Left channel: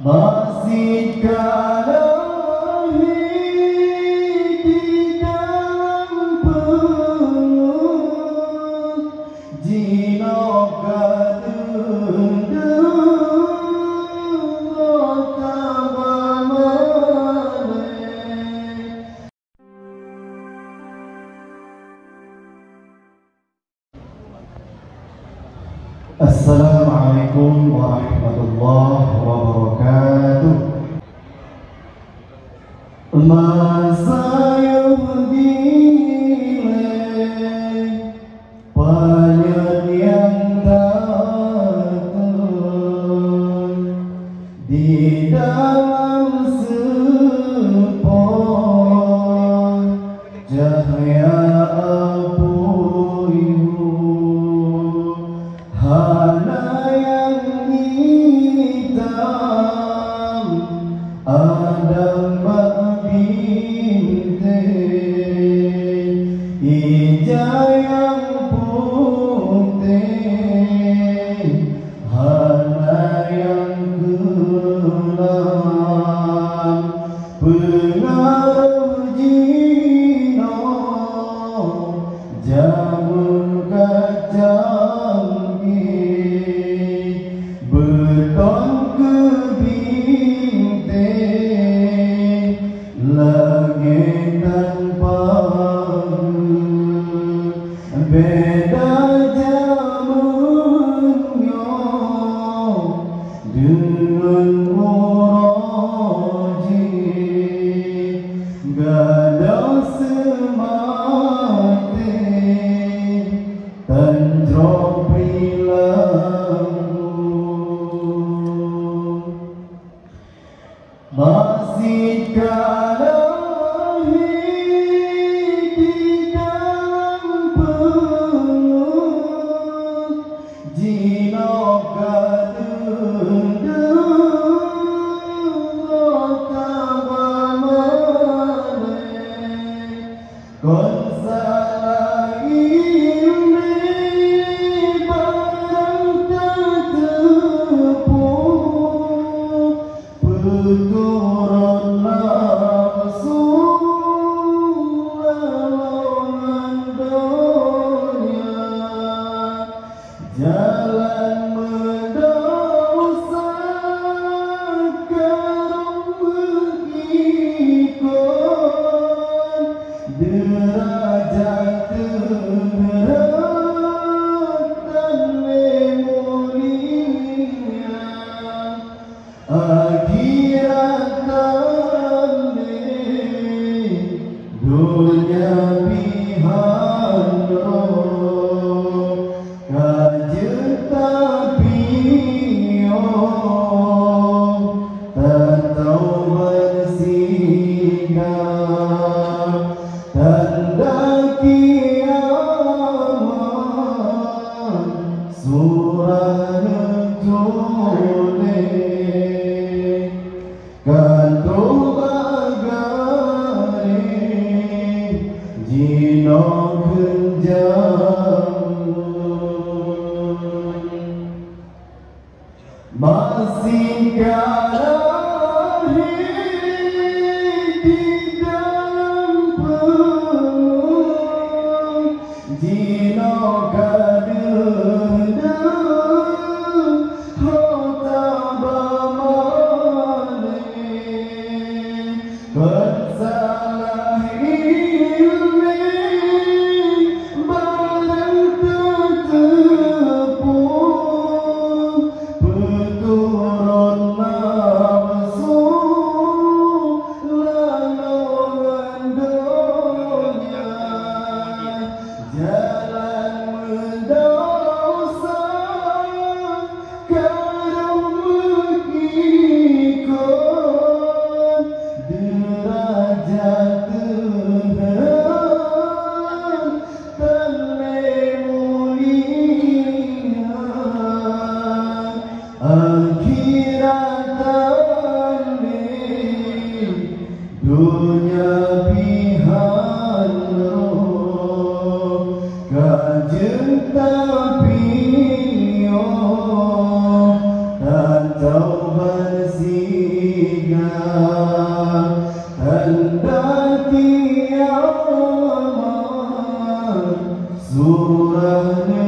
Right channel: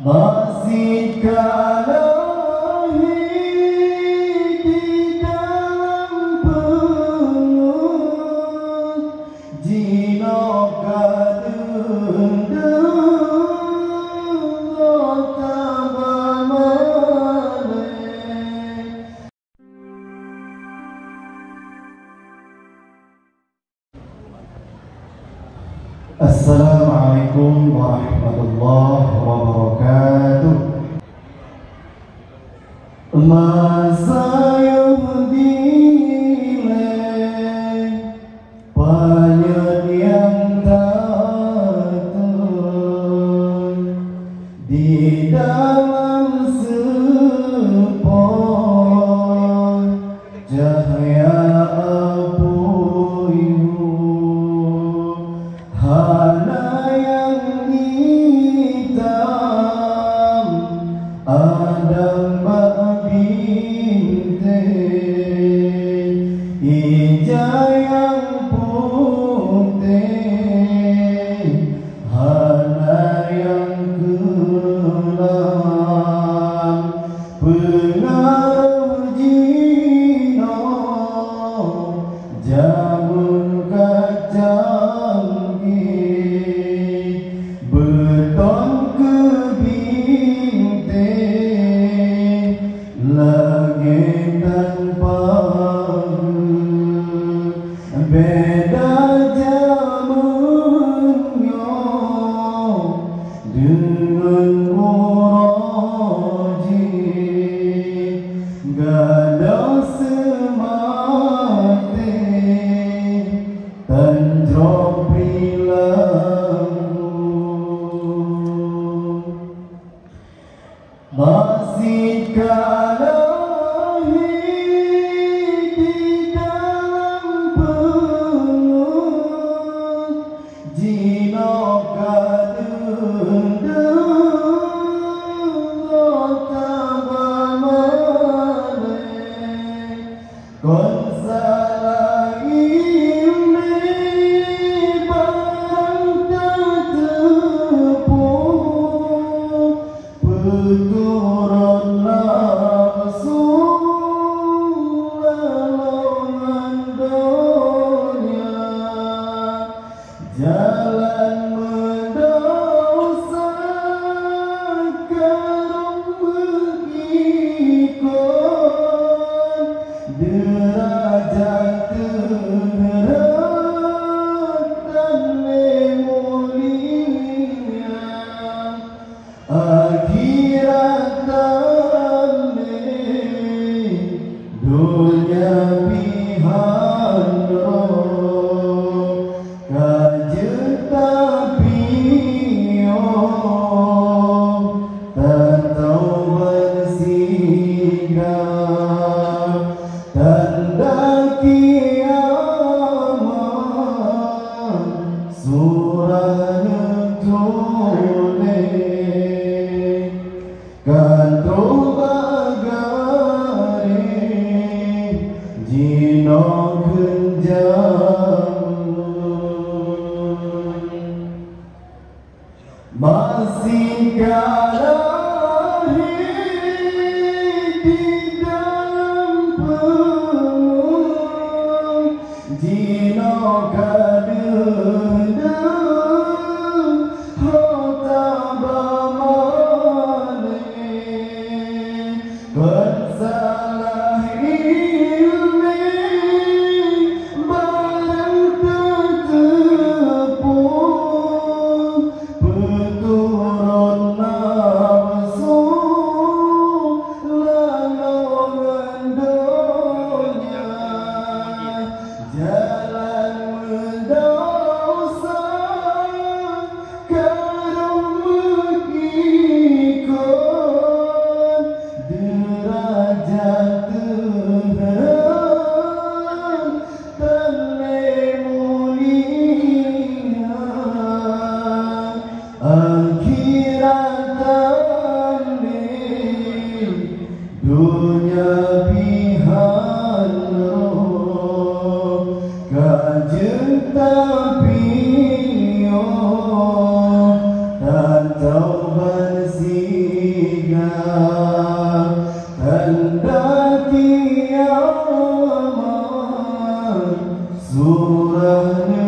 Masih kalahi di dalam perut Jinoka Assalamualaikum warahmatullahi wabarakatuh. Masa yang dinilai banyak yang datang di dalam sepon cahaya beda jamunya dengan muroji gada semati tanjung prilamu masih kalahi jalan mendosa kerana mengikut derajat terberat dan mulia akhirat dan dunia pihak masih kalahi di dalam perut jinoka dendam hota bamane bersalah ilmi barang tertepung turun nafsu lalongan dunia jalan mendosa kerana mengikut derajat Kenjam